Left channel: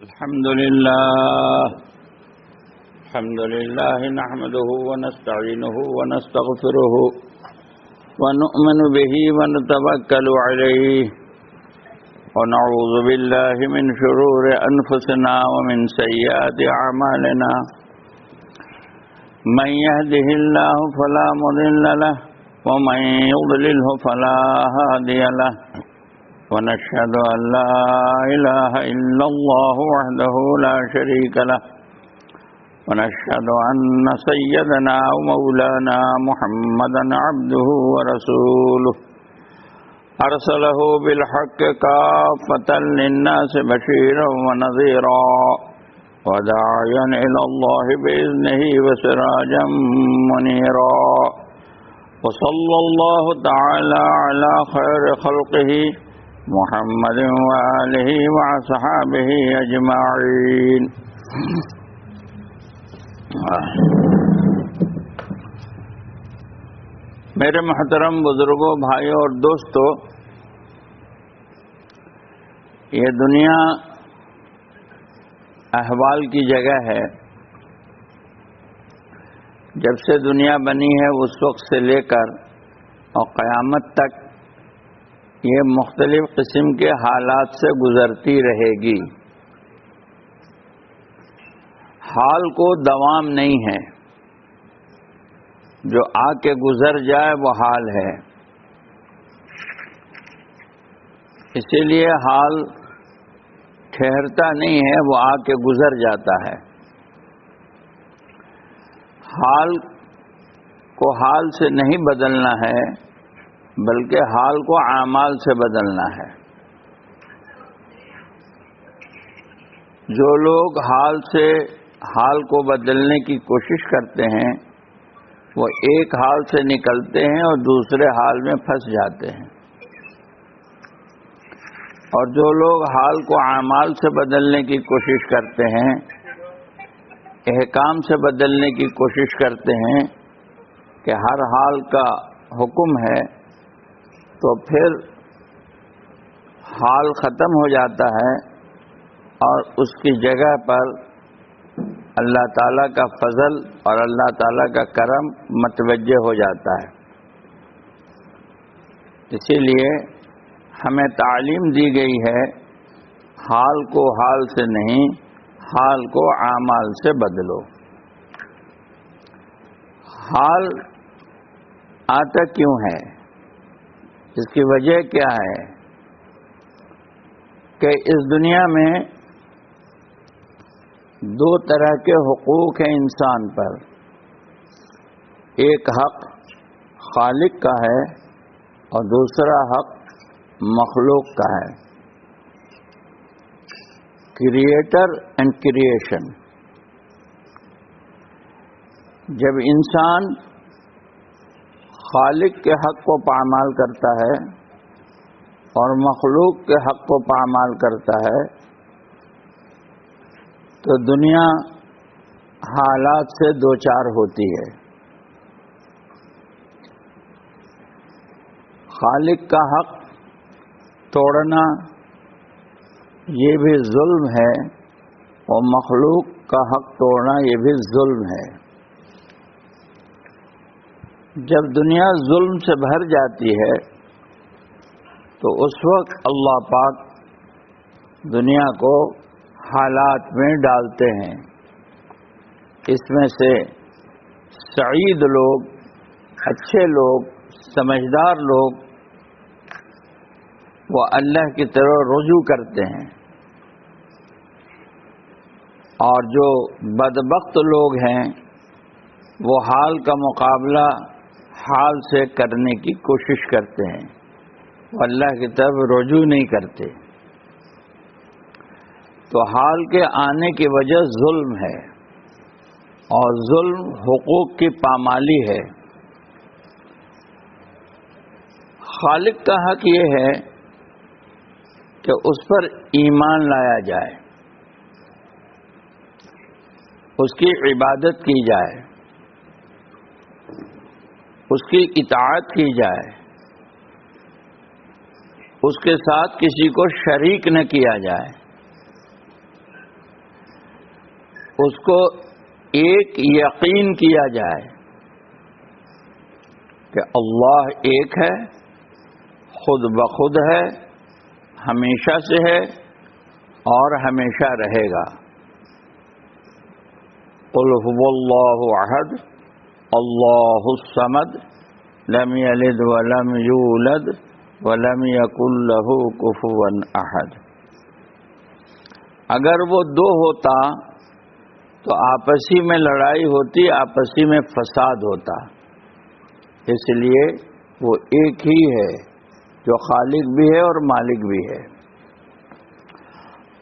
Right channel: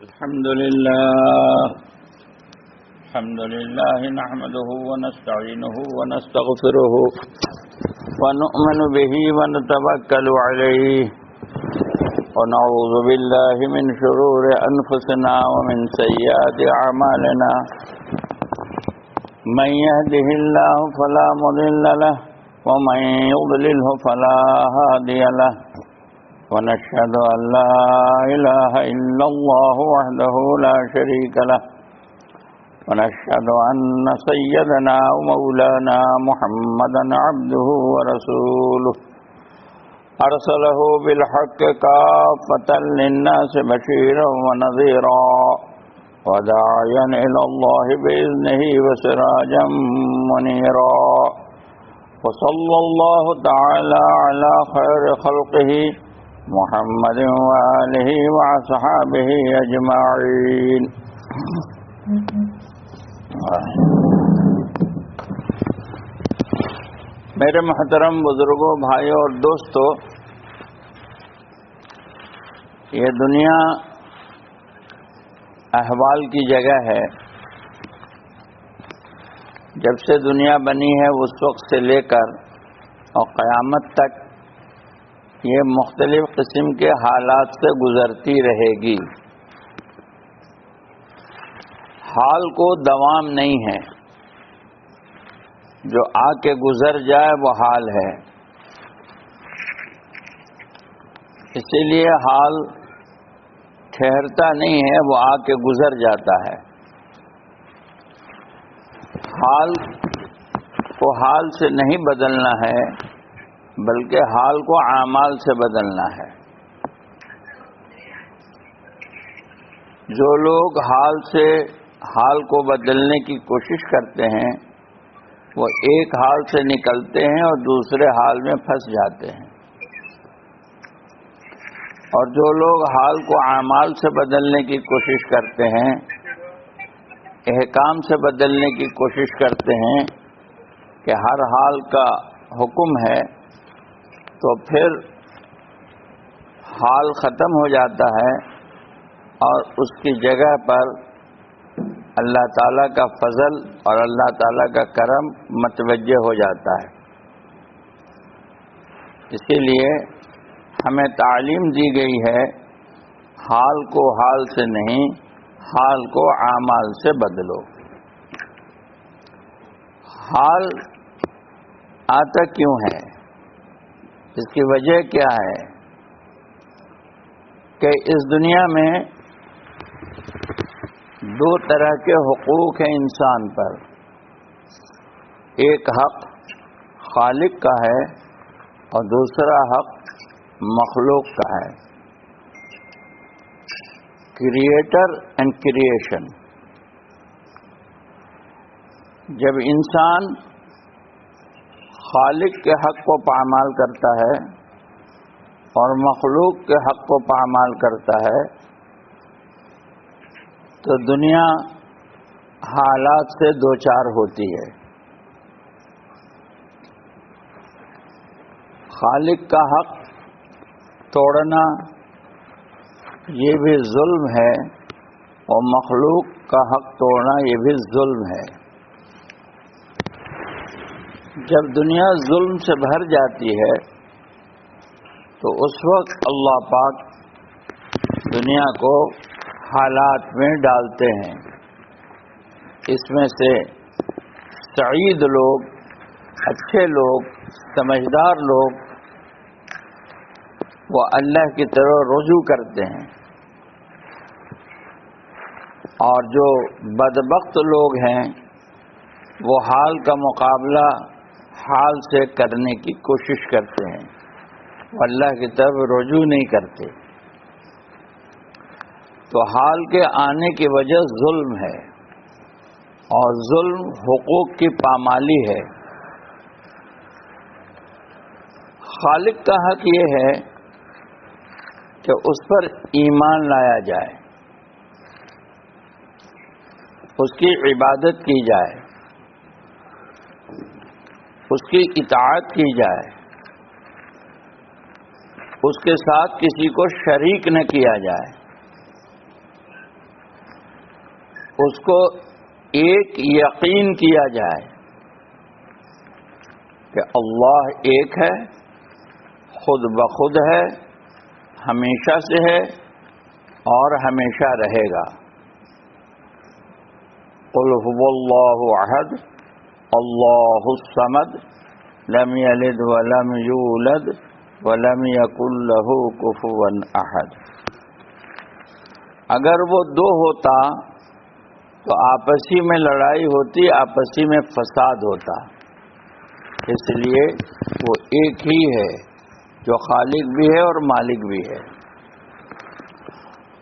الحمد لله نحمده ونستعينه ونستغفره ونؤمن به ونتوكل عليه ونعوذ بالله من شرور أنفسنا ومن سيئات أعمالنا من يهده الله فلا مضل له ومن يضلله فلا هادي له ونشهد أن لا إله إلا الله وحده لا شريك له ونشهد أن سيدنا ومولانا محمدا عبده ورسوله أرسله بالحق كافة للناس بشيرا ونذيرا وداعيا إلى الله بإذنه وسراجا منيرا وصلى الله تعالى على خير خلقه محمد وآلہ وصحابہ اجمعین۔ میرے محترم بزرگوں، بھائیوں اور دوستوں، یہ دنیا احوال کی جگہ ہے۔ جب سے دنیا بنی ہے اس وقت سے لے کر اور قیامت تک یہ مختلف قسم کے حالات سے گزرتی رہے گی۔ حال کو دوام نہیں ہے، جو آ کے گزر جائے وہ حال ہے۔ اسی لیے حال ٹھہرتا نہیں ہے، وہ آ کے گزر جاتا ہے۔ حال کو حال سے نہیں بدلنا ہے، بلکہ حال کو اعمال سے بدلنا ہے۔ جو لوگ حال کو بدلنے کی کوشش کرتے ہیں وہ ایک حال سے نکلتے ہیں اور دوسرے حال میں پھنس جاتے ہیں، اور جو لوگ حال کو اعمال سے بدلنے کی کوشش کرتے ہیں، احکام سے بدلنے کی کوشش کرتے ہیں کہ ہر حال کا حکم ہے، تو پھر حال ختم ہو جاتا ہے اور اس کی جگہ پر اللہ تعالیٰ کا فضل اور اللہ تعالیٰ کا کرم متوجہ ہو جاتا ہے۔ اسی لیے ہمیں تعلیم دی گئی ہے، حال کو حال سے نہیں، حال کو اعمال سے بدلو۔ حال آتا کیوں ہے؟ اس کی وجہ کیا ہے؟ کہ اس دنیا میں دو طرح کے حقوق ہیں انسان پر۔ ایک حق خالق کا ہے اور دوسرا حق مخلوق کا ہے۔ Creator and creation. جب انسان خالق کے حق کو پامال کرتا ہے اور مخلوق کے حق کو پامال کرتا ہے تو دنیا حالات سے دوچار ہوتی ہے۔ خالق کا حق توڑنا یہ بھی ظلم ہے اور مخلوق کا حق توڑنا یہ بھی ظلم ہے۔ جب دنیا ظلم سے بھر جاتی ہے تو اس وقت اللہ پاک دنیا کو حالات میں ڈالتے ہیں۔ اس میں سے سعید لوگ، اچھے لوگ، سمجھدار لوگ وہ اللہ کی طرف رجوع کرتے ہیں، اور جو بدبخت لوگ ہیں وہ حال کا مقابلہ حال سے کرنے کی کوشش کرتے ہیں، اللہ کی طرف رجوع نہیں کرتے۔ تو حال کے آنے کی وجہ ظلم ہے، اور ظلم حقوق کی پامالی ہے۔ خالق کا حق یہ ہے کہ اس پر ایمان لایا جائے، اس کی عبادت کی جائے، اس کی اطاعت کی جائے، اس کے ساتھ کسی کو شریک نہ کیا جائے۔ اس کو ایک یقین کیا جائے کہ اللہ ایک ہے، خود بخود ہے، ہمیشہ سے ہے اور ہمیشہ رہے گا۔ قل هو اللہ احد اللہ الصمد لم یلد ولم یولد ولم یکن له کفوا احد۔ اگر وہ دو ہوتا تو آپسی میں لڑائی ہوتی، آپسی میں فساد ہوتا، اس لیے وہ ایک ہی ہے جو خالق بھی ہے اور مالک بھی ہے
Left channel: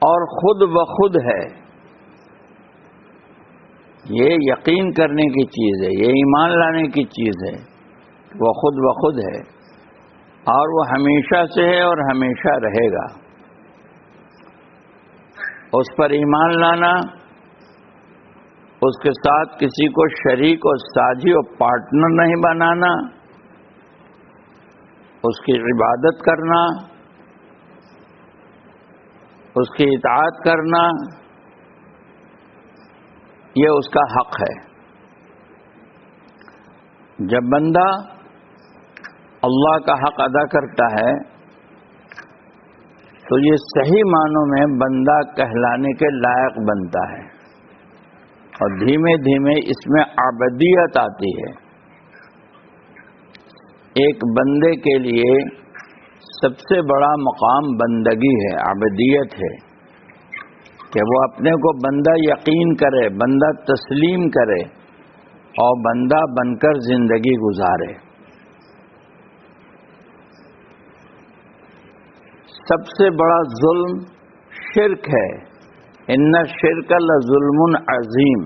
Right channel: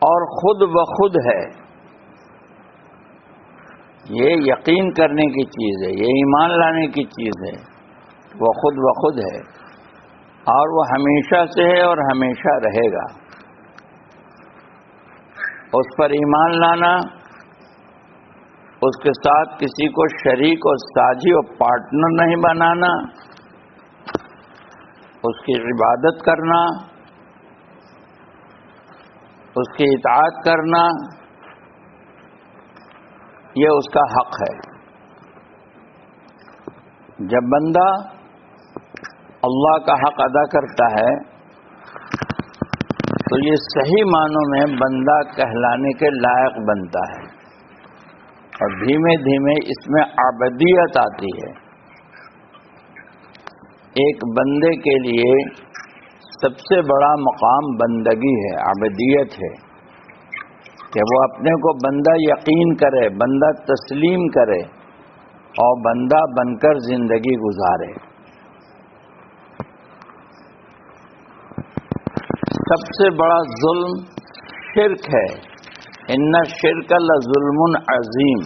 اور خود بخود ہے۔ یہ یقین کرنے کی چیز ہے، یہ ایمان لانے کی چیز ہے، وہ خود بخود ہے اور وہ ہمیشہ سے ہے اور ہمیشہ رہے گا۔ اس پر ایمان لانا، اس کے ساتھ کسی کو شریک اور ساجی اور پارٹنر نہیں بنانا، اس کی عبادت کرنا، اس کی اطاعت کرنا، یہ اس کا حق ہے۔ جب بندہ اللہ کا حق ادا کرتا ہے تو یہ صحیح معنوں میں بندہ کہلانے کے لائق بنتا ہے اور دھیمے دھیمے اس میں عبودیت آتی ہے۔ ایک بندے کے لیے سب سے بڑا مقام بندگی ہے، عبودیت ہے، کہ وہ اپنے کو بندہ یقین کرے، بندہ تسلیم کرے اور بندہ بن کر زندگی گزارے۔ سب سے بڑا ظلم شرک ہے، ان الشرک لظلم عظیم۔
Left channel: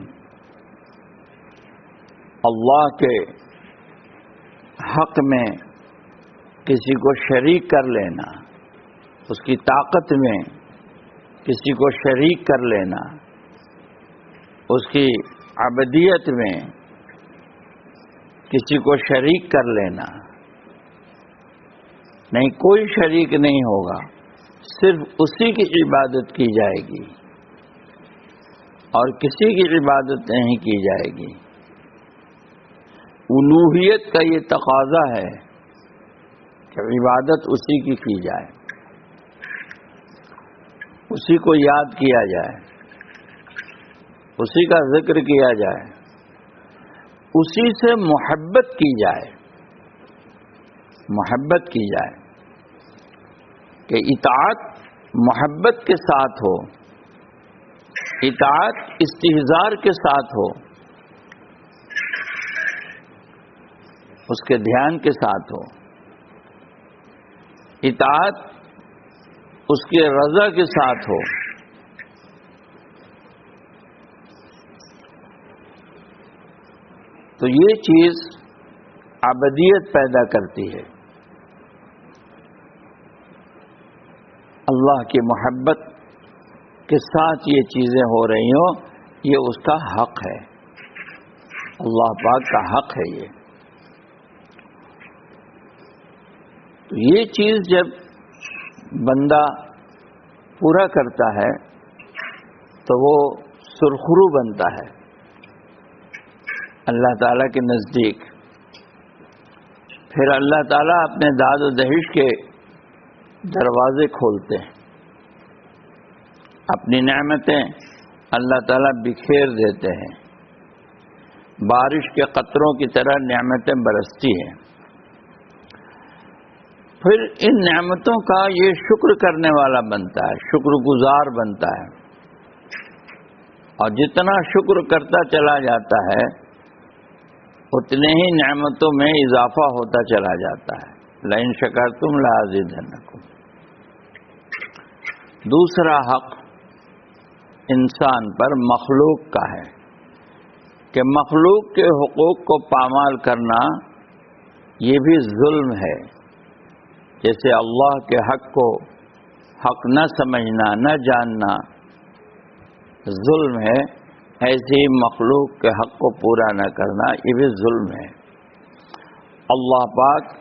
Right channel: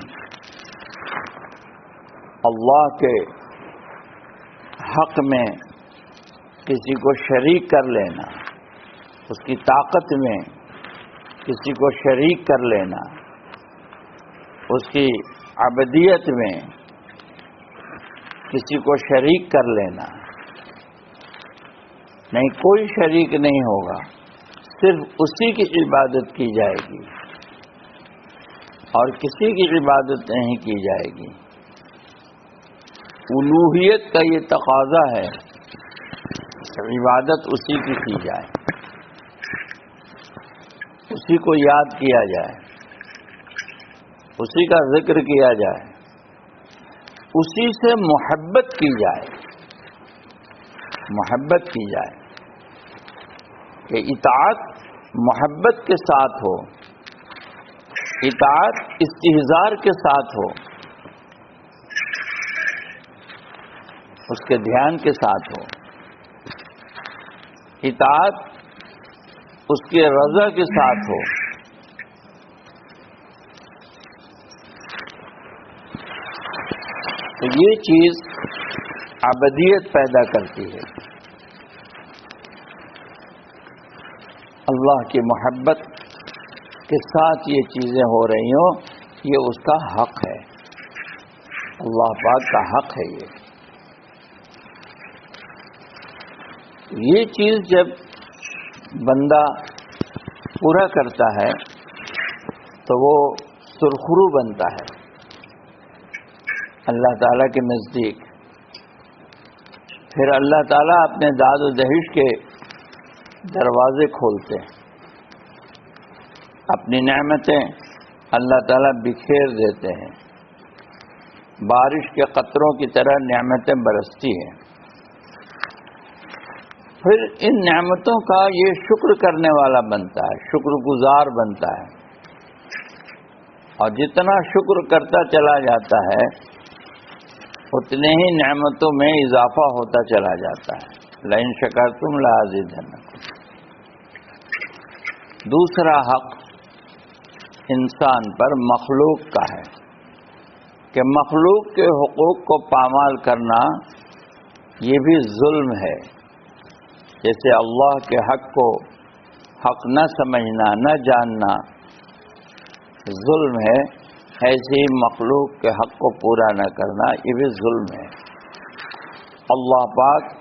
اللہ کے حق میں کسی کو شریک کر لینا، اس کی طاقت میں کسی کو شریک کر لینا، اس کی عبودیت میں کسی کو شریک کر لینا، نہیں کوئی شریک نہیں ہوگا، صرف اسی کی عبادت کی جائے گی اور کسی کی عبادت نہیں کی جائے گی۔ الوہیت کا یہ تقاضا ہے کہ عبادت اسی کی جائے، اسی کو یاد کیا جائے، اسی کا ذکر کیا جائے، اسی سے محبت کی جائے، محبت کی جائے، کہ اطاعت محبت کے ساتھ ہو، اطاعت استحضار کے ساتھ ہو، اس کے دھیان کے ساتھ ہو، اطاعت اس کی رضا کے ساتھ ہو۔ تو یہ چیز عبودیت پیدا کرتی ہے۔ اللہ کی محبت کے ساتھ یہ چیزیں ہو رہی ہوں، یہ اس کا حق ہے، اللہ پاک کا حق ہے۔ یہ چیز جب بندہ پورا کرتا ہے تو وہ سرخرو بنتا ہے اللہ تعالیٰ کے نزدیک۔ پھر اللہ تعالیٰ اپنے داد و دہش کے دروازے کھولتے ہیں، اپنی نعمتیں اللہ تعالیٰ بکھیر دیتے ہیں، بارش کے قطروں کی طرح نعمتیں برستی ہیں۔ پھر ان نعمتوں کا یہ شکر کرنے والا بنتا ہے، شکر گزار بنتا ہے، اور جتنا شکر کرتا چلا جاتا ہے اتنے ہی نعمتوں میں اضافہ ہوتا چلا جاتا ہے۔ لئن شکرتم لازیدنکم۔ دوسرا حق انسان پر مخلوق کا ہے کہ مخلوق کے حقوق کو پامال کرنا یہ بھی ظلم ہے۔ جیسے اللہ کے حق کو حق نہ سمجھنا، نہ جاننا ظلم ہے، ایسے ہی مخلوق کے حق کو پورا نہ کرنا یہ بھی ظلم ہے۔ اللہ پاک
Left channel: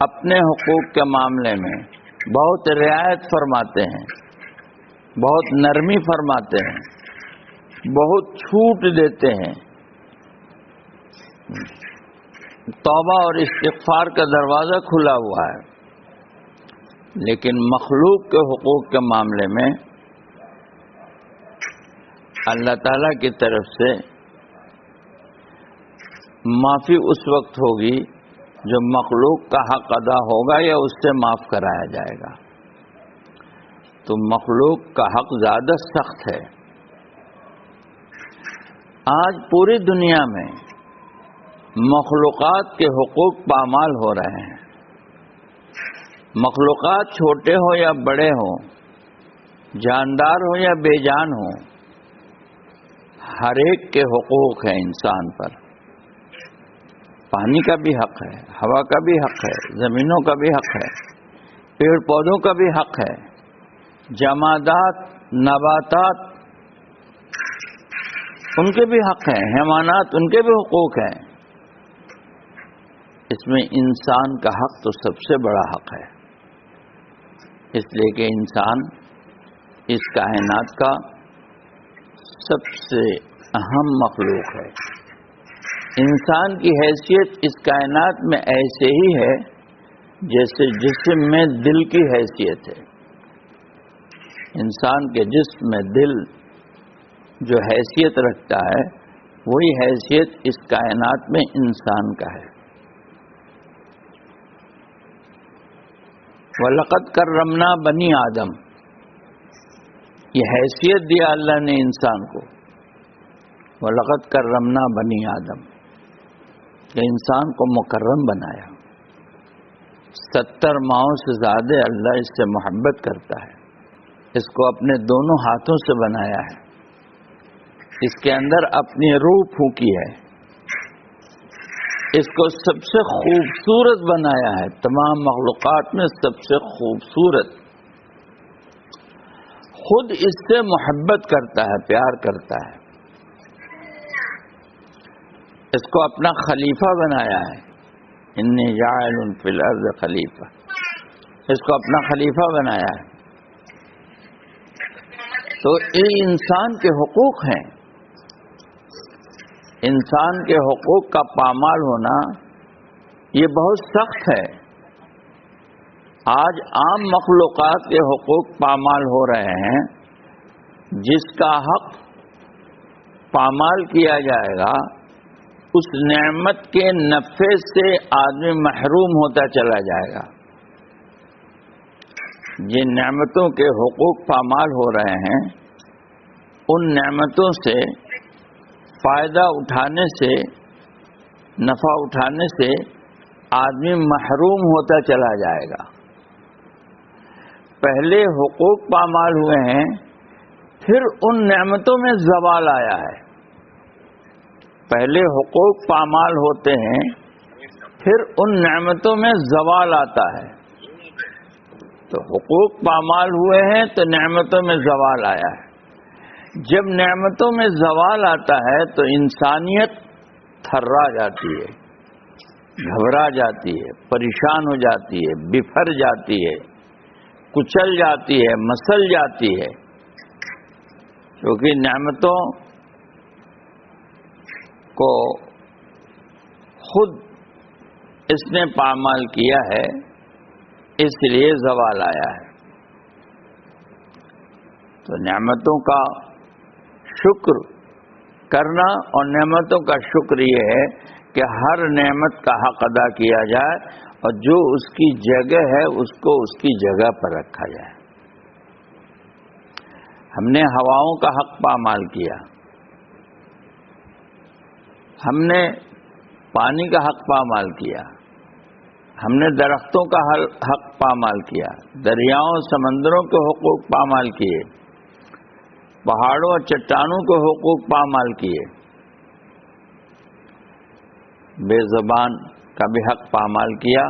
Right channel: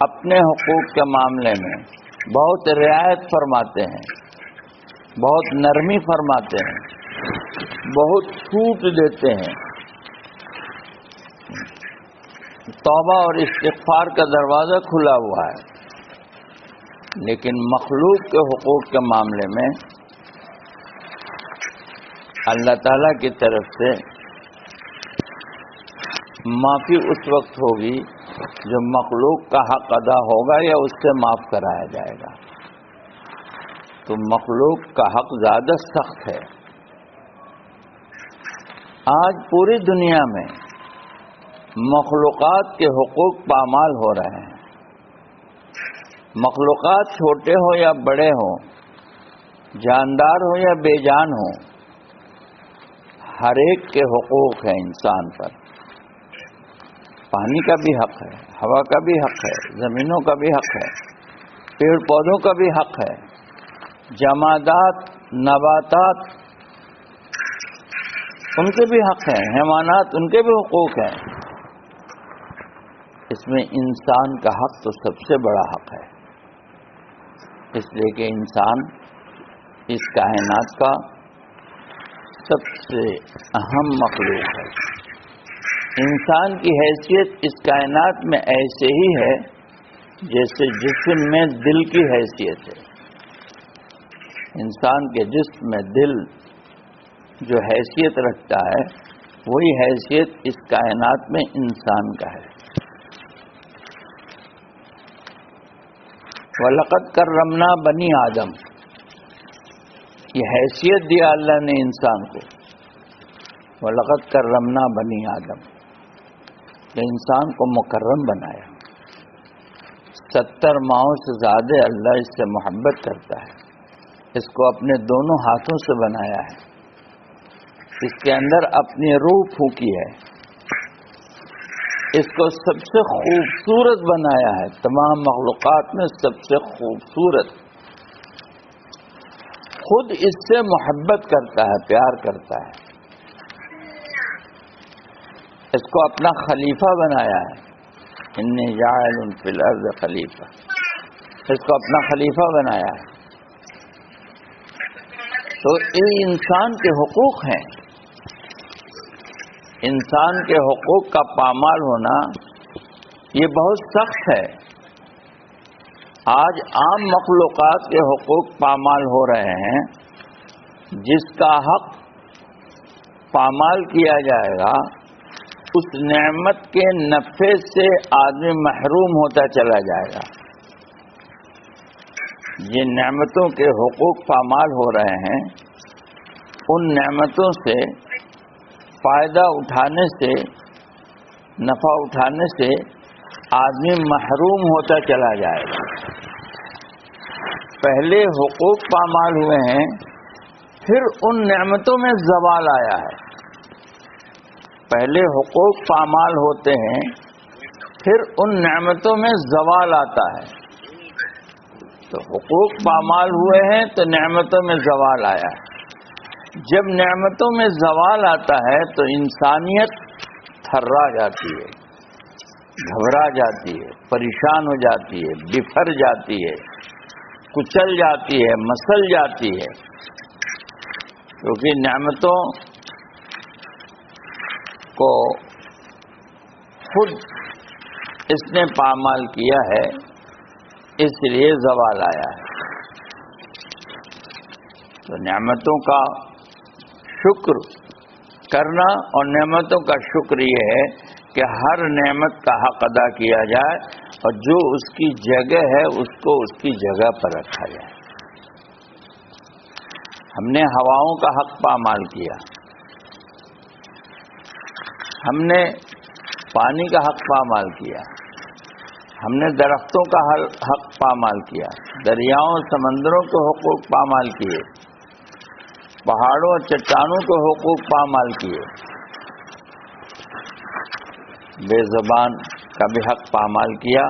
اپنے حقوق کے معاملے میں بہت رعایت فرماتے ہیں، بہت نرمی فرماتے ہیں، بہت چھوٹ دیتے ہیں. توبہ اور استغفار کا دروازہ کھلا ہوا ہے، لیکن مخلوق کے حقوق کے معاملے میں اللہ تعالیٰ کی طرف سے معافی اس وقت ہوگی جو مخلوق کا حق ادا ہوگا یا اس سے معاف کرایا جائے گا. تو مخلوق کا حق زیادہ سخت ہے. آج پوری دنیا میں مخلوقات کے حقوق پامال ہو رہے ہیں. مخلوقات چھوٹے ہو یا بڑے ہوں، جاندار ہو یا بے جان ہو، ہر ایک کے حقوق ہیں انسان پر. پانی کا بھی حق ہے، ہوا کا بھی حق ہے، زمینوں کا بھی حق ہے، پیڑ پودوں کا بھی حق ہے، جمادات، نباتات ان کے بھی حق ہیں، حیوانات ان کے بھی حقوق ہیں. اس میں انسان کا حق تو سب سے بڑا حق ہے، اس لیے کہ انسان اس کائنات کا سب سے اہم مخلوق ہے. انسان کی حیثیت اس کائنات میں ایسے ہی ہے جیسے جسم میں دل کی حیثیت ہے. انسان کے جسم میں دل جو حیثیت رکھتا ہے وہی حیثیت اس کائنات میں انسان کا ہے. وَلَقَدْ كَرَّمْنَا بَنِي آدم، یہ حیثیت دیا اللہ نے انسان کو. وَلَقَدْ كَرَّمْنَا بَنِي آدم، کہ انسان کو مکرم بنایا. 70 ماہوں سے زیادہ اللہ اس سے محبت کرتا ہے. اس کو اپنے دونوں ہاتھوں سے بنایا ہے، اس کے اندر اپنی روح پھونکی ہے، اس کو سب سے خوبصورت بنایا ہے، تمام مخلوقات میں سب سے خوبصورت. خود اس سے محبت کرتا ہے، پیار کرتا ہے. اس کو اپنا خلیفہ بنایا ہے. انی جاعل فی الارض خلیفہ، اس کو اپنا خلیفہ بنایا ہے. تو یہ انسان کے حقوق ہیں. انسان کے حقوق کا پامال ہونا یہ بہت سخت ہے. آج عام مخلوقات کے حقوق پامال ہو رہے ہیں. جس کا حق پامال کیا جائے گا اس نعمت کے نفع سے آدمی محروم ہوتا چلا جائے گا. جن نعمتوں کے حقوق پامال ہو رہے ہیں ان نعمتوں سے فائدہ اٹھانے سے، نفع اٹھانے سے آدمی محروم ہوتا چلا جائے گا. پہلے حقوق پامال ہوئے ہیں، پھر ان نعمتوں میں زوال آیا ہے. پہلے حقوق پامال ہوتے ہیں، پھر ان نعمتوں میں زوال آتا ہے. تو حقوق پامال ہوئے ہیں تو نعمتوں میں زوال آیا ہے. جب نعمتوں میں زوال آتا ہے تو انسانیت تھرا جاتی ہے، گھبرا جاتی ہے، پریشان ہو جاتی ہے، بفر جاتی ہے، کچل جاتی ہے، مسل جاتی ہے. کیونکہ نعمتوں کو خود اس نے پامال کیا ہے، اس لیے زوال آیا ہے. تو نعمتوں کا شکر کرنا، اور نعمتوں کا شکر یہ ہے کہ ہر نعمت کا حق ادا کیا جائے اور جو اس کی جگہ ہے اس کو اس کی جگہ پر رکھا جائے. ہم نے ہواؤں کا حق پامال کیا، ہم نے پانی کا حق پامال کیا، ہم نے درختوں کا حق پامال کیا، دریاؤں سمندروں کے حقوق پامال کیے، پہاڑوں اور چٹانوں کے حقوق پامال کیے، بے زبان کا بھی حق پامال کیا،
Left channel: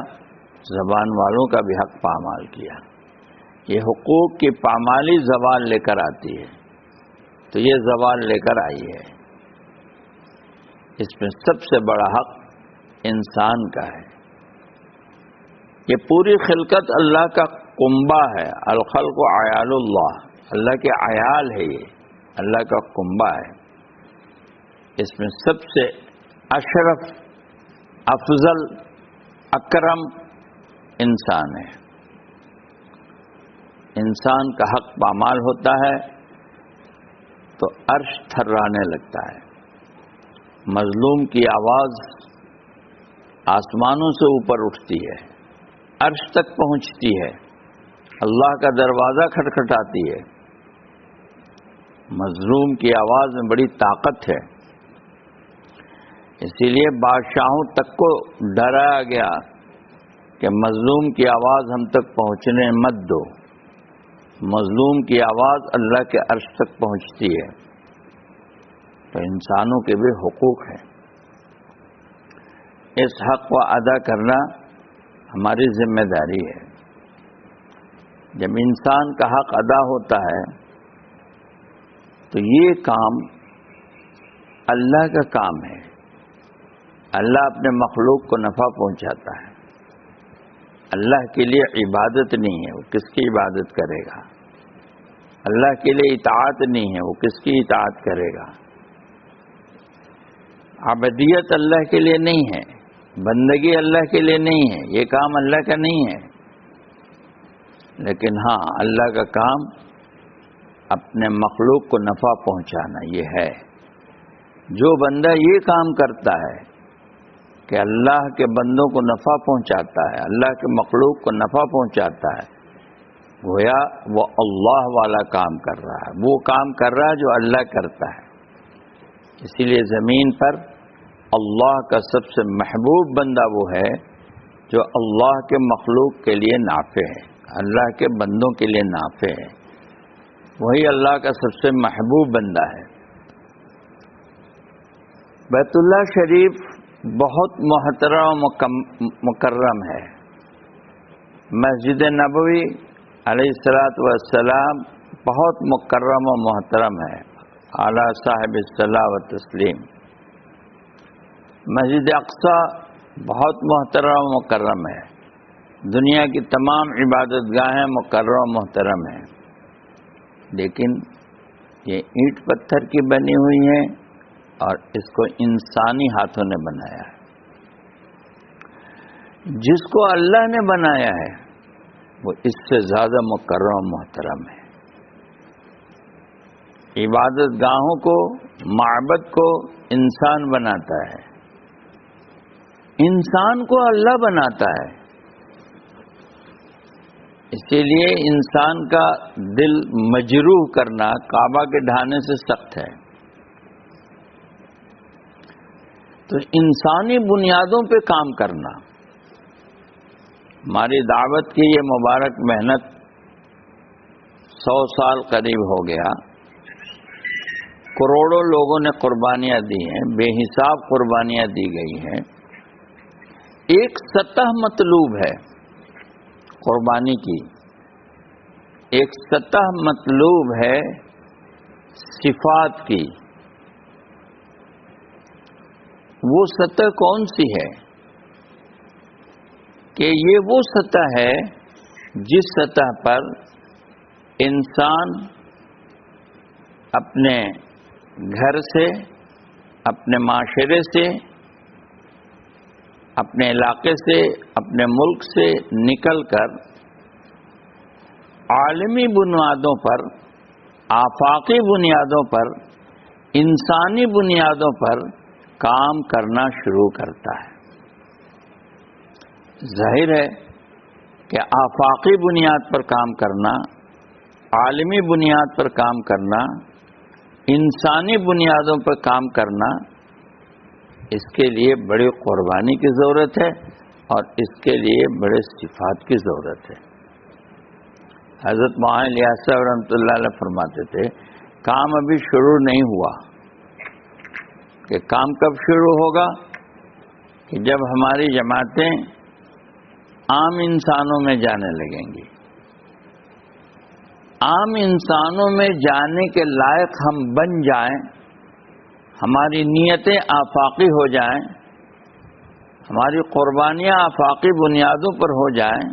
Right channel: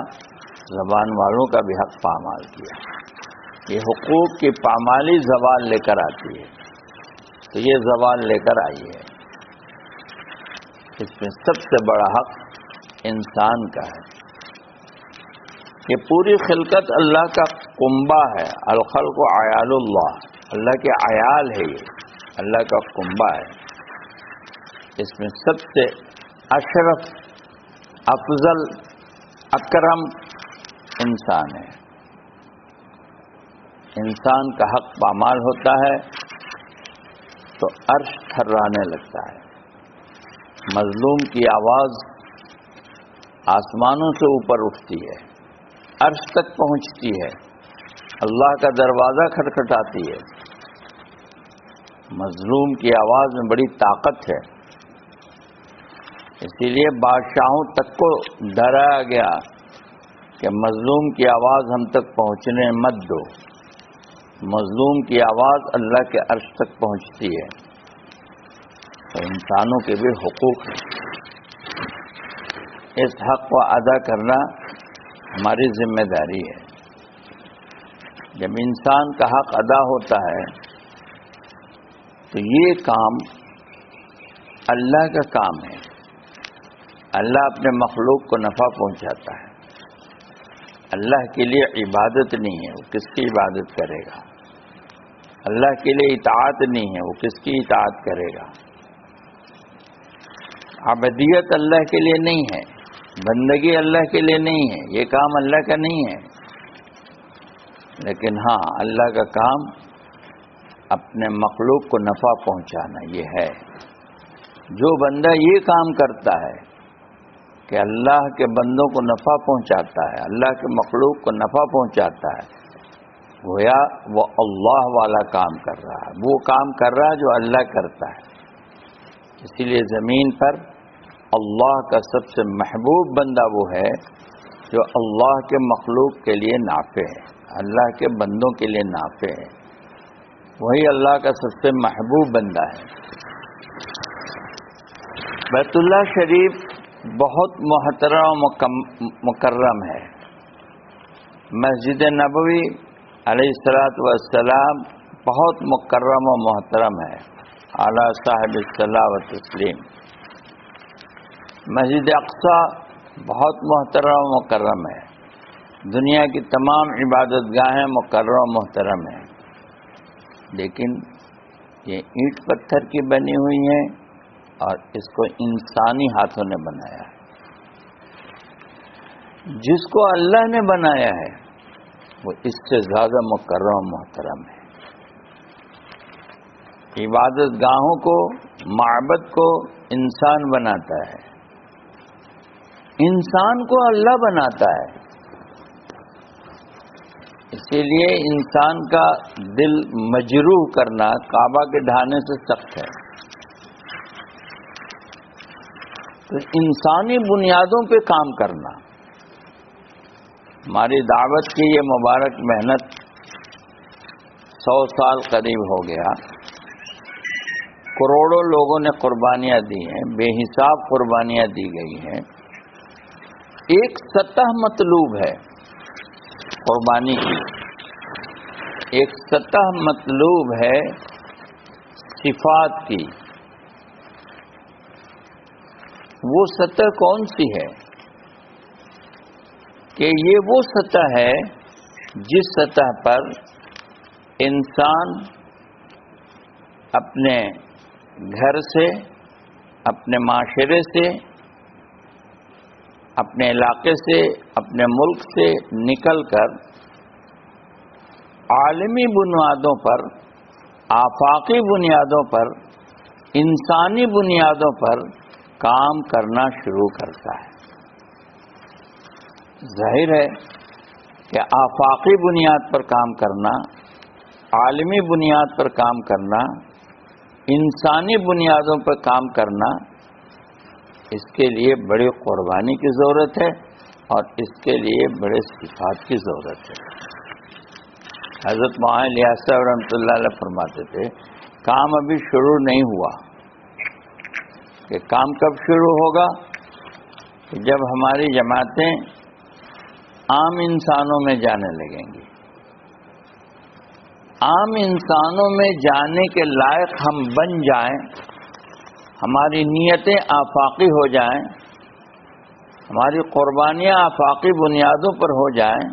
زبان والوں کا بھی حق پامال کیا. یہ حقوق کی پامالی زوال لے کر آتی ہے. تو یہ زوال لے کر آئی ہے. اس میں سب سے بڑا حق انسان کا ہے. یہ پوری خلقت اللہ کا کنبہ ہے. الخلق عیال اللہ، اللہ کے عیال ہے. یہ اللہ کا کنبہ ہے، اس میں سب سے اشرف، افضل، اکرم انسان ہے۔ انسان کا حق پامال ہوتا ہے تو عرش تھرانے لگتا ہے، مظلوم کی آواز آسمانوں سے اوپر اٹھتی ہے، عرش تک پہنچتی ہے، اللہ کا دروازہ کھٹکھٹاتی ہے۔ مظلوم کی آواز میں بڑی طاقت ہے، اسی لیے بادشاہوں تک کو ڈرایا گیا کہ مظلوم کی آواز ہم تک پہنچنے مت دو۔ مظلوم کی آواز اللہ کے عرش تک پہنچتی ہے۔ تو انسانوں کے بھی حقوق ہیں، اس حق کو ادا کرنا ہماری ذمہ داری ہے۔ جب انسان کا حق ادا ہوتا ہے تو یہ کام اللہ کا کام ہے۔ اللہ اپنے مخلوق کو نفع پہنچاتا ہے۔ اللہ کے لیے عبادت نہیں ہے، وہ کس کی عبادت کرے گا؟ اللہ کے لیے اطاعت نہیں ہے، وہ کس کی اطاعت کرے گا؟ عبادیت اللہ کے لیے نہیں ہے، بندگی اللہ کے لیے نہیں ہے، یہ کام اللہ کا نہیں ہے۔ لیکن ہاں، اللہ کا کام اپنے مخلوق کو نفع پہنچانا یہ ہے۔ جو بندہ یہ کام کرتا ہے کہ اللہ کے بندوں کو نفع پہنچاتا ہے، اللہ کے مخلوق کو نفع پہنچاتا ہے، گویا وہ اللہ والا کام کر رہا ہے، وہ کام کر رہا ہے جو اللہ کرتا ہے۔ اسی لیے زمین پر اللہ کا سب سے محبوب بندہ وہ ہے جو اللہ کے مخلوق کے لیے نافع ہے، اللہ کے بندوں کے لیے نافع ہے، وہی اللہ کا سب سے محبوب بندہ ہے۔ بیت اللہ شریف بہت محترم و مکرم ہے۔ مسجد نبوی علیہ الصلوۃ والسلام بہت مکرم و محترم ہے، اعلیٰ صاحب الصلاۃ و تسلیم۔ مسجد اقصی بہت محترم و مکرم ہے، دنیا کی تمام عبادت گاہیں مکرم و محترم ہیں، لیکن یہ اینٹ پتھر کی بنی ہوئی ہیں اور اس کو انسانی ہاتھوں نے بنایا ہے۔ جس کو اللہ نے بنایا ہے وہ اس سے زیادہ مکرم و محترم ہے۔ عبادت گاہوں کو، معبد کو انسان بناتا ہے، انسان کو اللہ بناتا ہے۔ اسی لیے انسان کا دل مجروح کرنا کعبہ کے ڈھانے سے سخت ہے۔ تو انسانی بنیادوں پہ کام کرنا، ہماری دعوت کی یہ مبارک محنت 100 سال قریب ہو گیا، کروڑوں لوگوں نے قربانیاں دی ہیں، بے حساب قربانیاں دی گئی ہیں۔ ایک سطح مطلوب ہے قربانی کی، ایک سطح مطلوب ہے صفات کی۔ وہ سطح کون سی ہے؟ کہ یہ وہ سطح ہے جس سطح پر انسان اپنے گھر سے، اپنے معاشرے سے، اپنے علاقے سے، اپنے ملک سے نکل کر عالمی بنیادوں پر، آفاقی بنیادوں پر، انسانی بنیادوں پر کام کرنا شروع کرتا ہے۔ ظاہر ہے کہ آفاقی بنیاد پر کام کرنا، عالمی بنیاد پر کام کرنا، انسانی بنیادوں پر کام کرنا، اس کے لیے بڑی قربانی کی ضرورت ہے اور اس کے لیے بڑے صفات کی ضرورت ہے۔ حضرت معاذ الیاس صاحب رحمۃ اللہ علیہ فرماتے تھے کام ابھی شروع نہیں ہوا، کہ کام کب شروع ہوگا؟ کہ جب ہماری جماعتیں عام انسانوں میں جانے لگیں گی، عام انسانوں میں جانے کے لائق ہم بن جائیں، ہماری نیتیں آفاقی ہو جائیں، ہماری قربانیاں آفاقی بنیادوں پر ہو جائیں،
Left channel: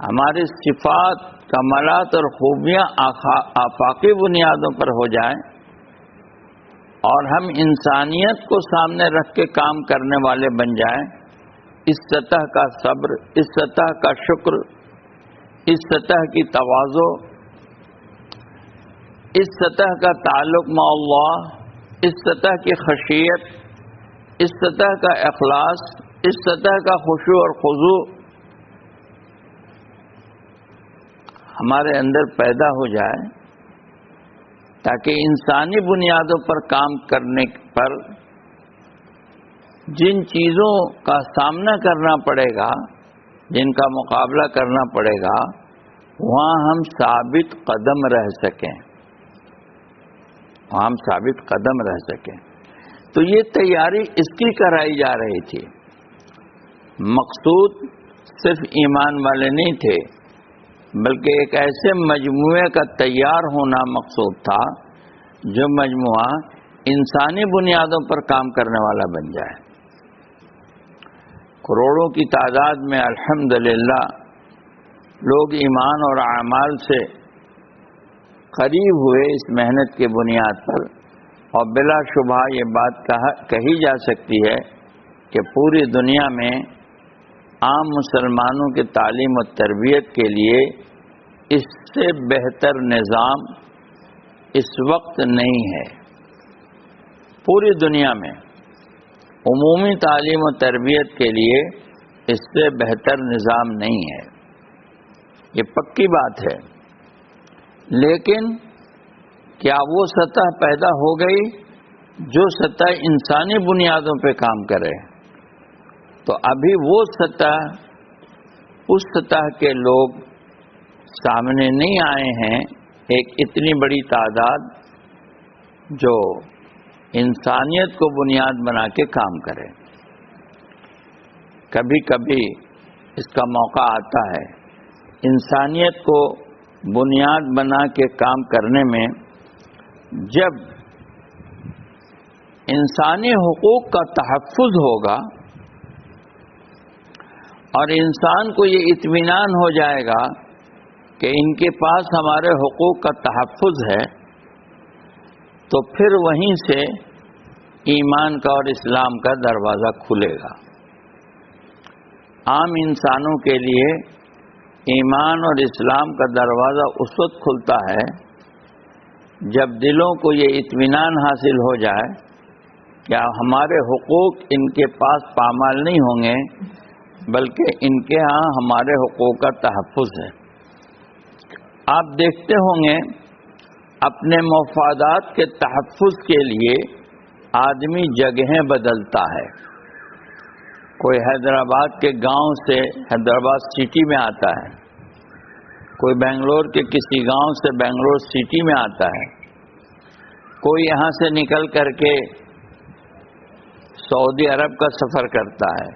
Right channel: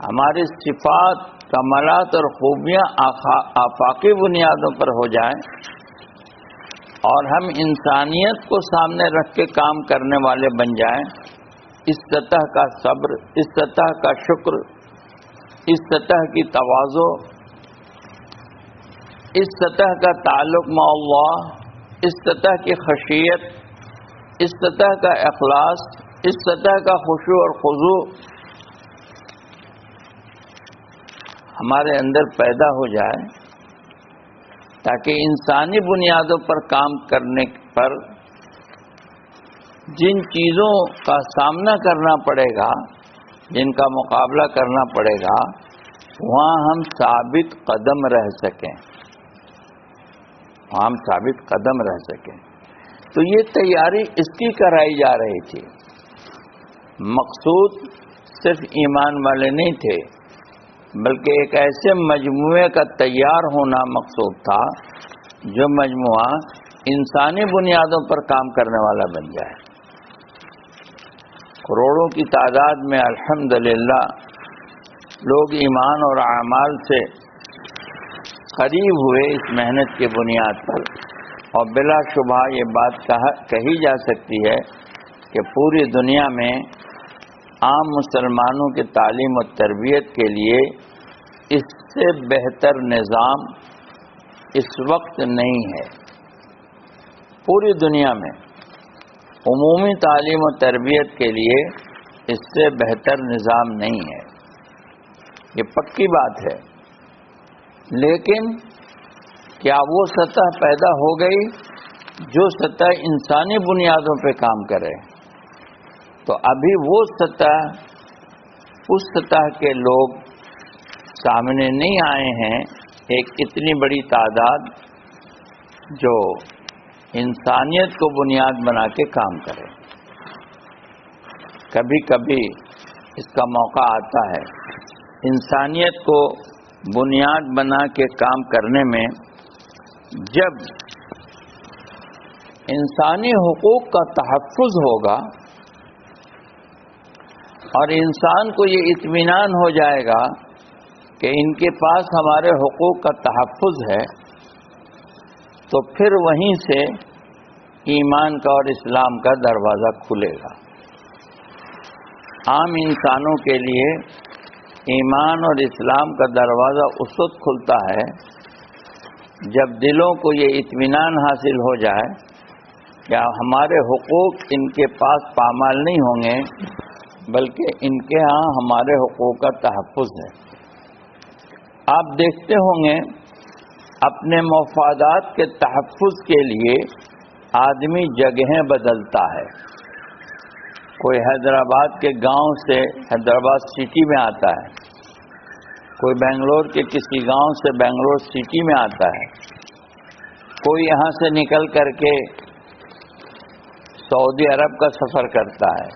ہماری صفات کمالات اور خوبیاں آفاقی بنیادوں پر ہو جائیں اور ہم انسانیت کو سامنے رکھ کے کام کرنے والے بن جائیں، اس سطح کا صبر، اس سطح کا شکر، اس سطح کی تواضع، اس سطح کا تعلق مع اللہ، اس سطح کی خشیت، اس سطح کا اخلاص، اس سطح کا خشوع اور خضوع ہمارے اندر پیدا ہو جائے، تاکہ انسانی بنیادوں پر کام کرنے پر جن چیزوں کا سامنا کرنا پڑے گا، جن کا مقابلہ کرنا پڑے گا، وہاں ہم ثابت قدم رہ سکیں، ہم ثابت قدم رہ سکیں۔ تو یہ تیاری اس کی کرائی جا رہی تھی۔ مقصود صرف ایمان والے نہیں تھے، بلکہ ایک ایسے مجموعے کا تیار ہونا مقصود تھا جو مجموعہ انسانی بنیادوں پر کام کرنے والا بن جائے۔ کروڑوں کی تعداد میں الحمدللہ لوگ ایمان اور اعمال سے قریب ہوئے اس محنت کی بنیاد پر، اور بلا شبہ یہ بات کہی جا سکتی ہے کہ پوری دنیا میں عام مسلمانوں کی تعلیم و تربیت کے لیے اس سے بہتر نظام اس وقت نہیں ہے۔ پوری دنیا میں عمومی تعلیم و تربیت کے لیے اس سے بہتر نظام نہیں ہے، یہ پکی بات ہے۔ لیکن کیا وہ سطح پیدا ہو گئی جو سطح انسانی بنیادوں پہ کام کرے؟ تو ابھی وہ سطح، اس سطح کے لوگ سامنے نہیں آئے ہیں، ایک اتنی بڑی تعداد جو انسانیت کو بنیاد بنا کے کام کرے۔ کبھی کبھی اس کا موقع آتا ہے انسانیت کو بنیاد بنا کے کام کرنے میں، جب انسانی حقوق کا تحفظ ہوگا اور انسان کو یہ اطمینان ہو جائے گا کہ ان کے پاس ہمارے حقوق کا تحفظ ہے، تو پھر وہیں سے ایمان کا اور اسلام کا دروازہ کھلے گا۔ عام انسانوں کے لیے ایمان اور اسلام کا دروازہ اس وقت کھلتا ہے جب دلوں کو یہ اطمینان حاصل ہو جائے کہ ہمارے حقوق ان کے پاس پامال نہیں ہوں گے، بلکہ ان کے ہاں ہمارے حقوق کا تحفظ ہے۔ آپ دیکھتے ہوں گے اپنے مفادات کے تحفظ کے لیے آدمی جگہیں بدلتا ہے۔ کوئی حیدرآباد کے گاؤں سے حیدرآباد سٹی میں آتا ہے، کوئی بنگلور کے کسی گاؤں سے بنگلور سٹی میں آتا ہے، کوئی یہاں سے نکل کر کے سعودی عرب کا سفر کرتا ہے،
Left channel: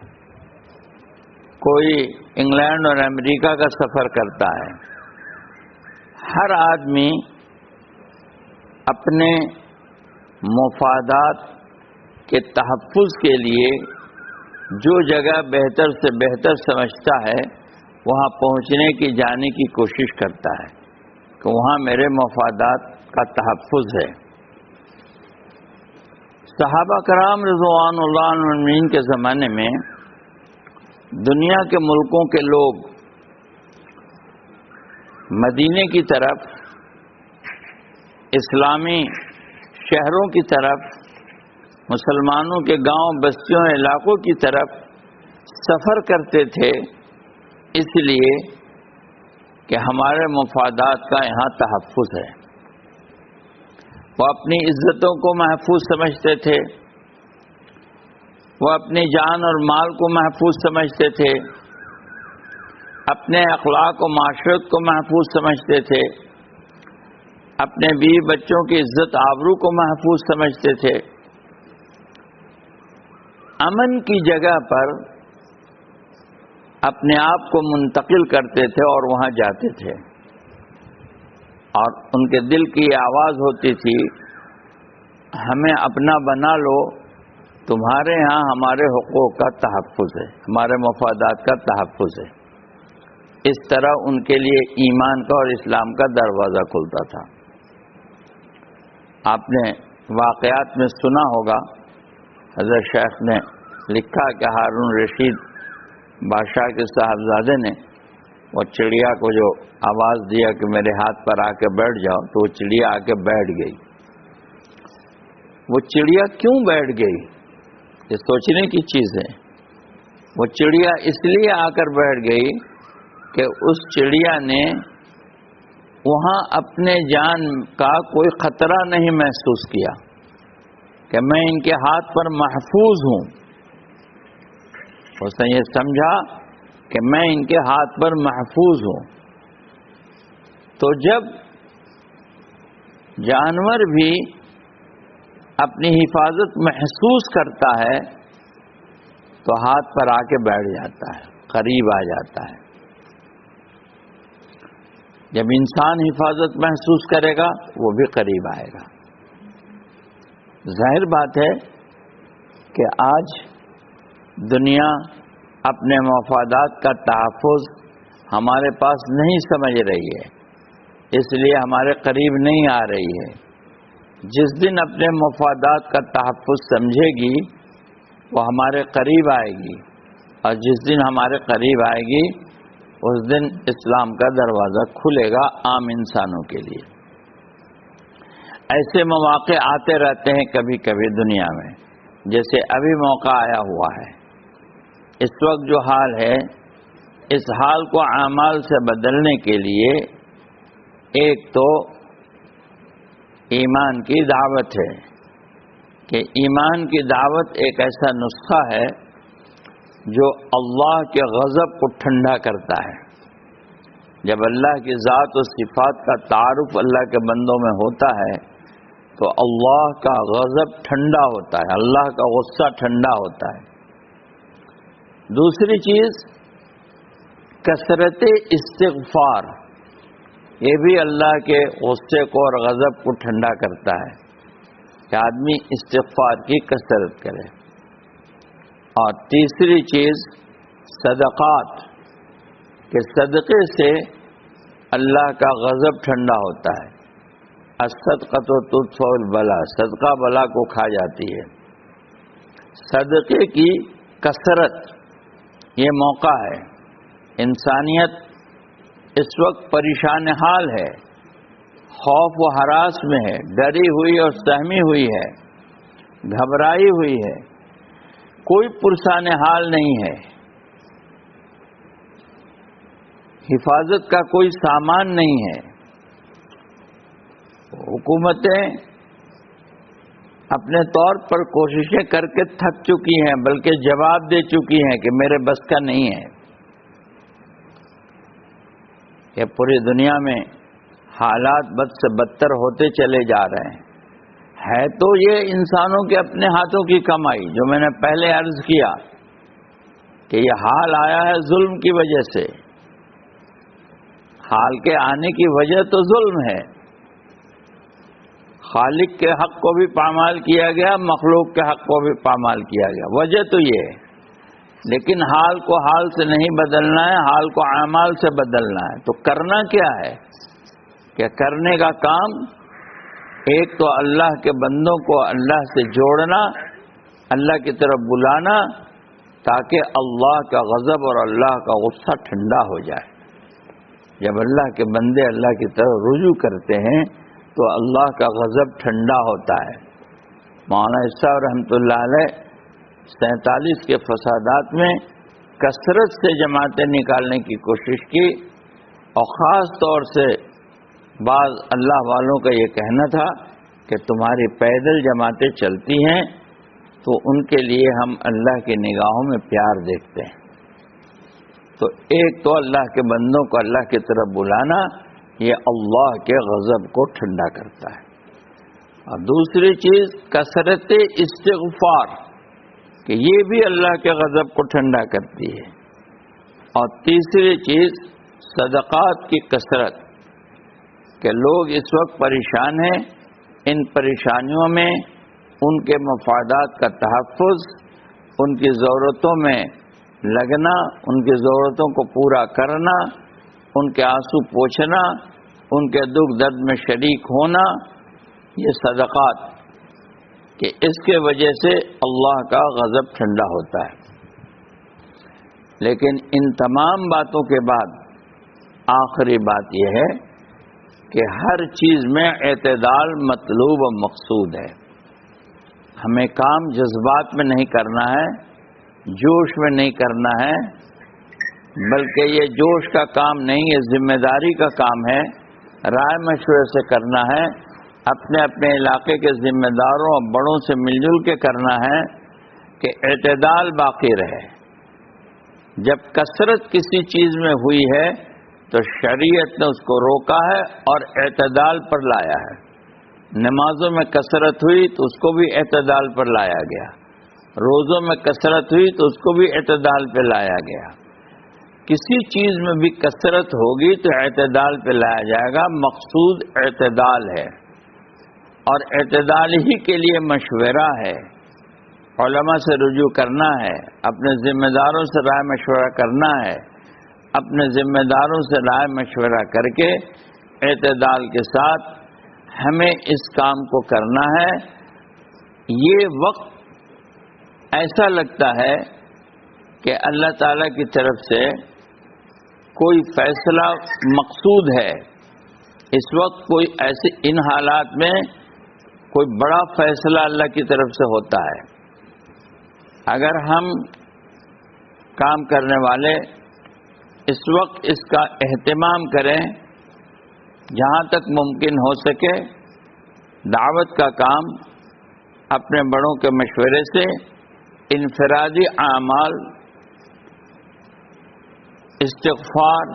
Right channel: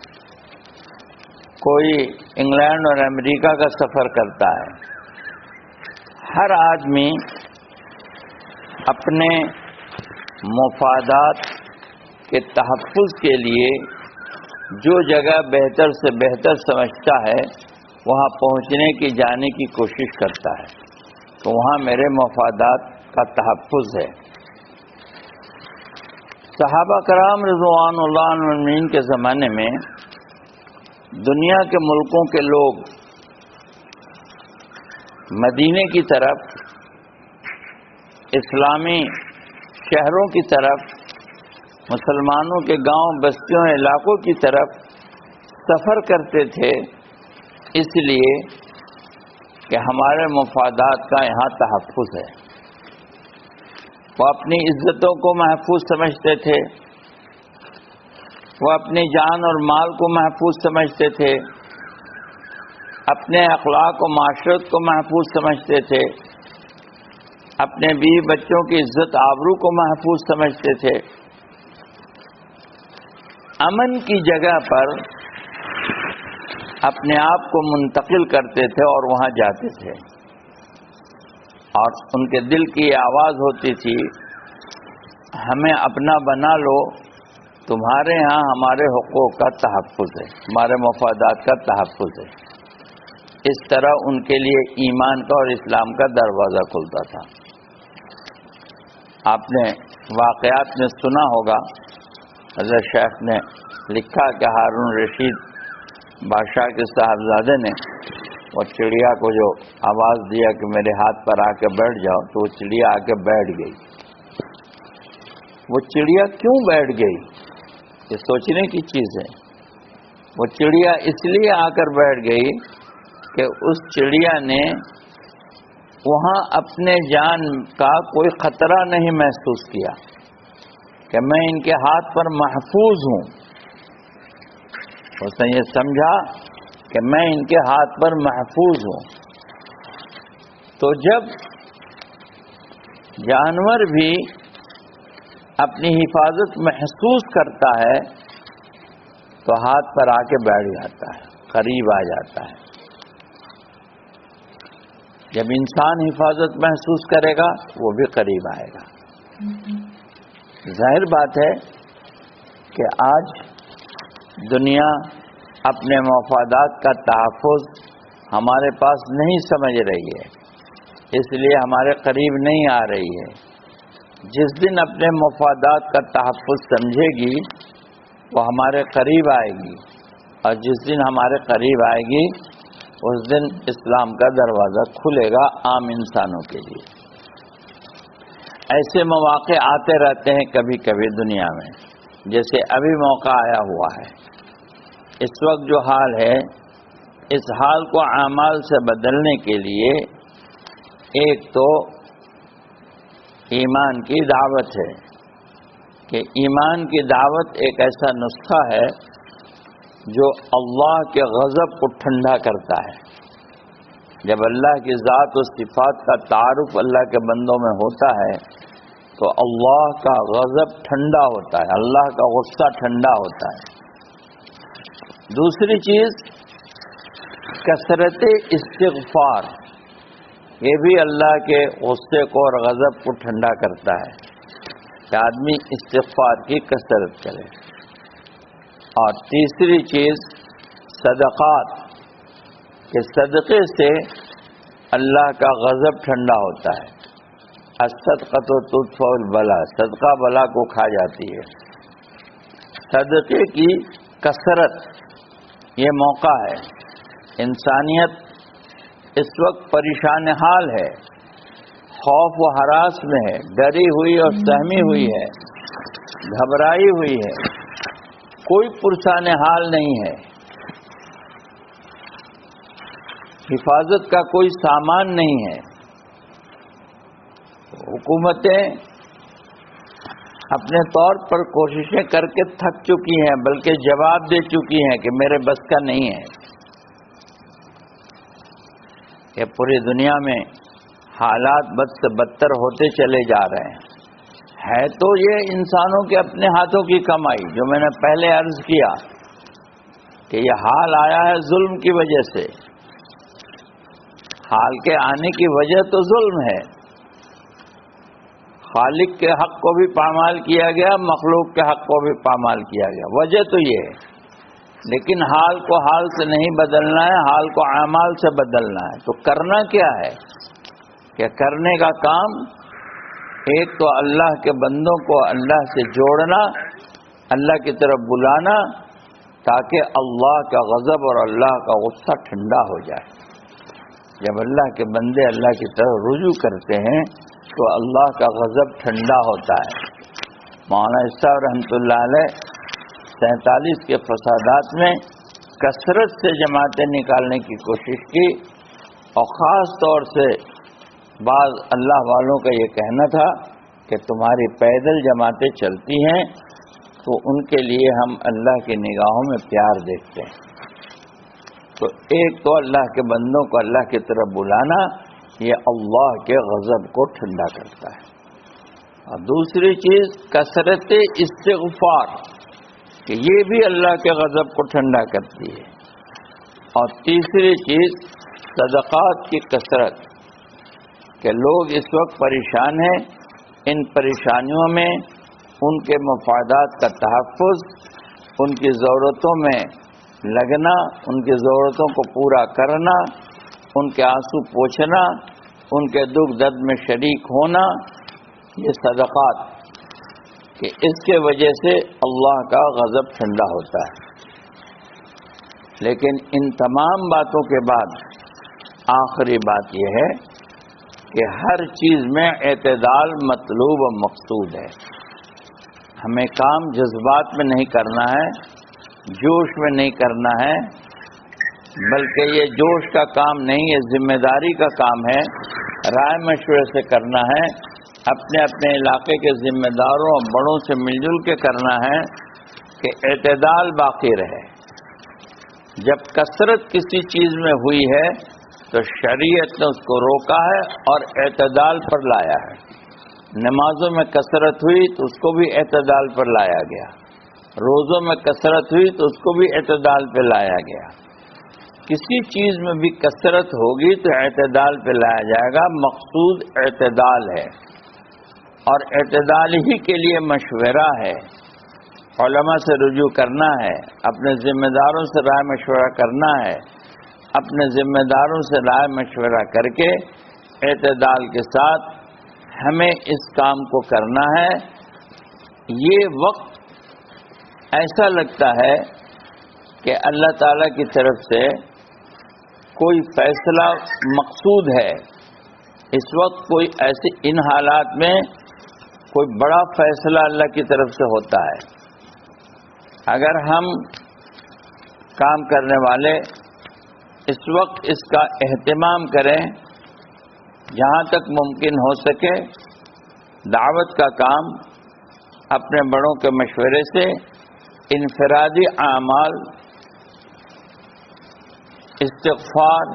کوئی انگلینڈ اور امریکہ کا سفر کرتا ہے۔ ہر آدمی اپنے مفادات کے تحفظ کے لیے جو جگہ بہتر سے بہتر سمجھتا ہے وہاں پہنچنے کی، جانے کی کوشش کرتا ہے تو وہاں میرے مفادات کا تحفظ ہے۔ صحابہ کرام رضوان اللہ عنہم کے زمانے میں دنیا کے ملکوں کے لوگ مدینے کی طرف، اسلامی شہروں کی طرف، مسلمانوں کے گاؤں بستیوں علاقوں کی طرف سفر کرتے تھے، اس لیے کہ ہمارے مفادات کا یہاں تحفظ ہے۔ وہ اپنی عزتوں کو محفوظ سمجھتے تھے، وہ اپنی جان اور مال کو محفوظ سمجھتے تھے، اپنے اخلاق و معاشرت کو محفوظ سمجھتے تھے، اپنے بیوی بچوں کی عزت آبرو کو محفوظ سمجھتے تھے۔ امن کی جگہ پر اپنے آپ کو منتقل کرتے تھے اور وہاں جاتے تھے، اور ان کے دل کی یہ آواز ہوتی تھی، ہمیں اپنا بنا لو، تمہارے ہاں ہمارے حقوق کا تحفظ ہے، ہمارے مفادات کا تحفظ ہے۔ اس طرح ان کے لیے ایمان کا اور اسلام کا دروازہ کھلتا تھا۔ آپ نے واقعات میں سنا ہوگا، حضرت شیخ نے لکھا کہ ہارون رشید بادشاہ کے صاحبزادے نے وہ چڑیا کو جو آواز دیا کہ میرے ہاتھ پر آ کے بیٹھ جاؤ، تو وہ چڑیا آ کے بیٹھ گئی۔ وہ چڑیا کیوں بیٹھ گئی، یہ سوچنے کی چیز ہے۔ وہ چڑیا اس لیے آ کر بیٹھ گئی کہ اس چڑیا نے وہاں اپنے جان کا کوئی خطرہ نہیں محسوس کیا کہ میں ان کے ہاتھ پر محفوظ ہوں۔ اس نے یہ سمجھا کہ میں ان کے ہاتھ پر محفوظ ہوں۔ تو جب جانور بھی اپنی حفاظت محسوس کرتا ہے تو ہاتھ پر آ کے بیٹھ جاتا ہے، قریب آ جاتا ہے۔ جب انسان حفاظت محسوس کرے گا وہ بھی قریب آئے گا۔ ظاہر بات ہے کہ آج دنیا اپنے مفادات کا تحفظ ہمارے پاس نہیں سمجھ رہی ہے، اس لیے ہمارے قریب نہیں آ رہی ہے۔ جس دن اپنے مفادات کا تحفظ سمجھے گی وہ ہمارے قریب آئے گی، اور جس دن ہمارے قریب آئے گی اس دن اسلام کا دروازہ کھلے گا عام انسانوں کے لیے۔ ایسے مواقع آتے رہتے ہیں کبھی کبھی دنیا میں، جیسے ابھی موقع آیا ہوا ہے۔ اس وقت جو حال ہے، اس حال کو اعمال سے بدلنے کے لیے ایک تو ایمان کی دعوت ہے، کہ ایمان کی دعوت ایک ایسا نسخہ ہے جو اللہ کے غضب کو ٹھنڈا کرتا ہے۔ جب اللہ کی ذات و صفات کا تعارف اللہ کے بندوں میں ہوتا ہے تو اللہ کا غضب ٹھنڈا ہوتا ہے، اللہ کا غصہ ٹھنڈا ہوتا ہے۔ دوسری چیز کثرت استغفار، یہ بھی اللہ کے غصے کو اور غضب کو ٹھنڈا کرتا ہے کہ آدمی استغفار کی کثرت کرے۔ اور تیسری چیز صدقات، کہ صدقے سے اللہ کا غضب ٹھنڈا ہوتا ہے۔ الصدقۃ تطفئ البلاء، صدقہ بلا کو کھا جاتی ہے۔ صدقے کی کثرت یہ موقع ہے۔ انسانیت اس وقت پریشان حال ہے، خوف و ہراس میں ہے، ڈری ہوئی اور سہمی ہوئی ہے، گھبرائی ہوئی ہے، کوئی پرسان حال نہیں ہے، حفاظت کا کوئی سامان نہیں ہے۔ حکومتیں اپنے طور پر کوششیں کر کے تھک چکی ہیں، بلکہ جواب دے چکی ہیں کہ میرے بس کا نہیں ہے۔ کہ پوری دنیا میں حالات بد سے بدتر ہوتے چلے جا رہے ہیں۔ ہے تو یہ انسانوں کے اپنے ہاتھوں کی کمائی، جو میں نے پہلے عرض کیا کہ یہ حال آیا ہے ظلم کی وجہ سے۔ حال کے آنے کی وجہ تو ظلم ہے، خالق کے حق کو بھی پامال کیا گیا، مخلوق کے حق کو بھی پامال کیا گیا، وجہ تو یہ ہے۔ لیکن حال کو حال سے نہیں بدلنا ہے، حال کو اعمال سے بدلنا ہے۔ تو کرنا کیا ہے کہ کرنے کا کام ایک تو اللہ کے بندوں کو اللہ سے جوڑنا، اللہ کی طرف بلانا، تاکہ اللہ کا غضب اور اللہ کا غصہ ٹھنڈا ہو جائے۔ جب اللہ کے بندے اللہ کی طرف رجوع کرتے ہیں تو اللہ کا غضب ٹھنڈا ہوتا ہے۔ مولانا صاحب رحمۃ اللہ علیہ 47 کے فسادات میں کثرت سے جماعتیں نکالنے کی کوشش کی، اور خاص طور سے بعض اللہ والوں کا یہ کہنا تھا کہ تمہاری پیدل جماعتیں چلتی ہیں تو ان کے لیے ہم اللہ کی نگاہوں میں پیار دیکھتے ہیں۔ تو ایک تو اللہ کے بندوں کو اللہ کی طرف بلانا، یہ اللہ کے غضب کو ٹھنڈا کرتا ہے۔ اور دوسری چیز کثرت استغفار، کہ یہ بھی اللہ کے غضب کو ٹھنڈا کرتی ہے۔ اور تیسری چیز صدقات کی کثرت، کہ لوگ اس وقت پریشان ہیں، ان پریشانیوں میں ان کے مفادات کا تحفظ، ان کی ضرورتوں میں لگنا، ان کی ضرورتوں کو پورا کرنا، ان کے آنسو پوچھنا، ان کے دکھ درد میں شریک ہونا، یہ صدقات کہ اس کے وجہ سے اللہ کا غضب ٹھنڈا ہوتا ہے۔ لیکن ان تمام باتوں کے بعد آخری بات یہ ہے کہ ہر چیز میں اعتدال مطلوب و مقصود ہے۔ ہمیں کام جذبات میں نہیں کرنا ہے، جوش میں نہیں کرنا ہے، بلکہ یہ جوش کا کام نہیں، یہ ذمہ داری کا کام ہے، رائے مشورے سے کرنا ہے، اپنے اپنے علاقے کے ذمہ داروں اور بڑوں سے مل جل کے کرنا ہے کہ اعتدال باقی رہے۔ جب کثرت کسی چیز میں ہوئی ہے تو شریعت نے اس کو روکا ہے اور اعتدال پر لایا ہے۔ نمازوں میں کثرت ہوئی تو اس کو بھی اعتدال پر لایا گیا، روزوں میں کثرت ہوئی تو اس کو بھی اعتدال پہ لایا گیا۔ کسی چیز میں بھی کثرت ہوگی تو اعتدال پہ لایا جائے گا، مقصود اعتدال ہے، اور اعتدال ہی کے لیے مشورہ ہے، علماء سے رجوع کرنا ہے، اپنے ذمہ داروں سے رائے مشورہ کرنا ہے، اپنے ذمہ داروں سے رائے مشورہ کر کے اعتدال کے ساتھ ہمیں اس کام کو کرنا ہے۔ یہ وقت ایسا لگتا ہے کہ اللہ تعالیٰ کی طرف سے کوئی فیصلہ مقصود ہے۔ اس وقت کوئی ایسے ان حالات میں کوئی بڑا فیصلہ اللہ کی طرف سے ہوتا ہے۔ اگر ہم کام کرنے والے اس وقت اس کا اہتمام کریں، جہاں تک ممکن ہو سکے دعوت کا کام اپنے بڑوں کے مشورے سے، انفرادی اعمال، استغفار،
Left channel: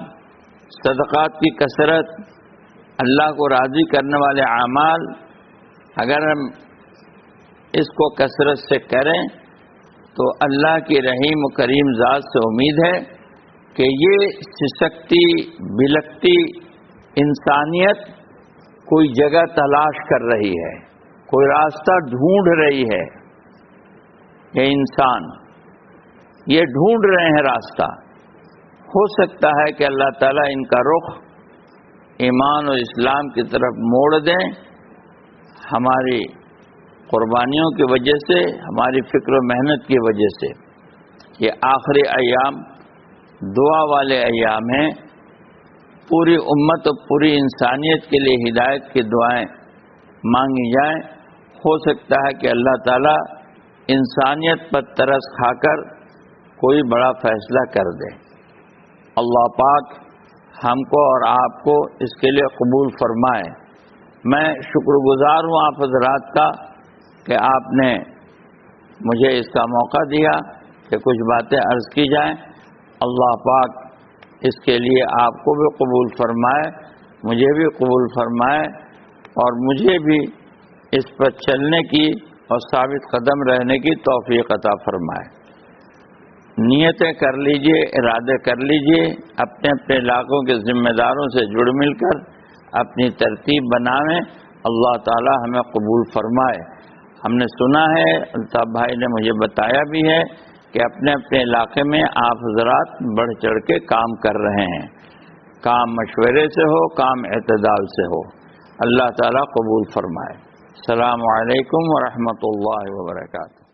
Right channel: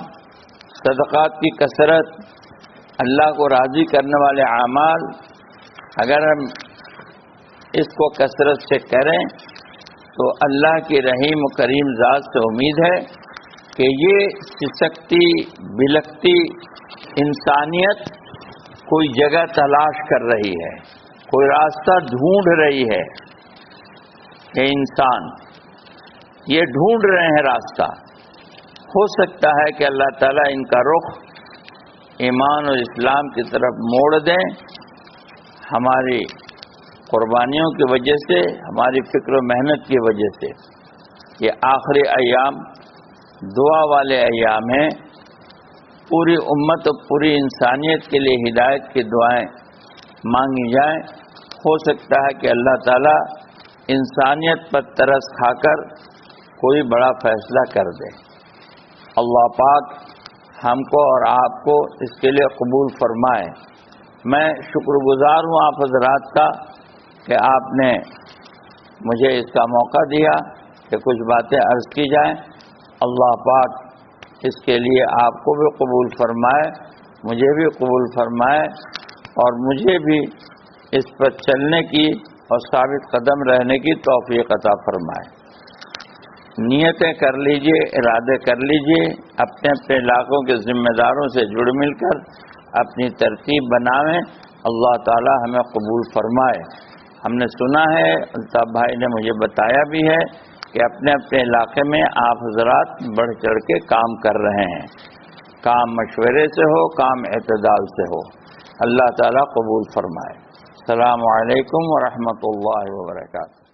صدقات کی کثرت، اللہ کو راضی کرنے والے اعمال، اگر ہم اس کو کثرت سے کریں تو اللہ کی رحیم و کریم ذات سے امید ہے کہ یہ سسکتی بلکتی انسانیت کوئی جگہ تلاش کر رہی ہے، کوئی راستہ ڈھونڈ رہی ہے کہ انسان یہ ڈھونڈ رہے ہیں راستہ۔ ہو سکتا ہے کہ اللہ تعالیٰ ان کا رخ ایمان اور اسلام کی طرف موڑ دیں، ہماری قربانیوں کی وجہ سے، ہماری فکر و محنت کی وجہ سے۔ یہ آخری ایام دعا والے ایام ہیں، پوری امت اور پوری انسانیت کے لیے ہدایت کی دعائیں مانگی جائیں۔ ہو سکتا ہے کہ اللہ تعالیٰ انسانیت پر ترس کھا کر کوئی بڑا فیصلہ کر دے۔ اللہ پاک ہم کو اور آپ کو اس کے لیے قبول فرمائے۔ میں شکر گزار ہوں آپ حضرات کا کہ آپ نے مجھے اس کا موقع دیا کہ کچھ باتیں عرض کی جائیں۔ اللہ پاک اس کے لیے آپ کو بھی قبول فرمائے، مجھے بھی قبول فرمائے، اور مجھے بھی اس پر چلنے کی اور ثابت قدم رہنے کی توفیق عطا فرمائے۔ نیتیں کر لیجئے، ارادے کر لیجئے، اپنے اپنے علاقوں کے ذمہ داروں سے جڑ مل کر اپنی ترتیب بنائیں۔ اللہ تعالی ہمیں قبول فرمائے۔ ہم نے سنا ہے، الطاف بھائی نے مجھے بتایا بھی ہے کہ اپنے اپنے علاقے میں آپ حضرات بڑھ چڑھ کے کام کر رہے ہیں۔ کام مشورے سے ہو، کام اعتدال سے ہو۔ اللہ تعالیٰ قبول فرمائے۔ السلام علیکم ورحمۃ اللہ وبرکاتہ۔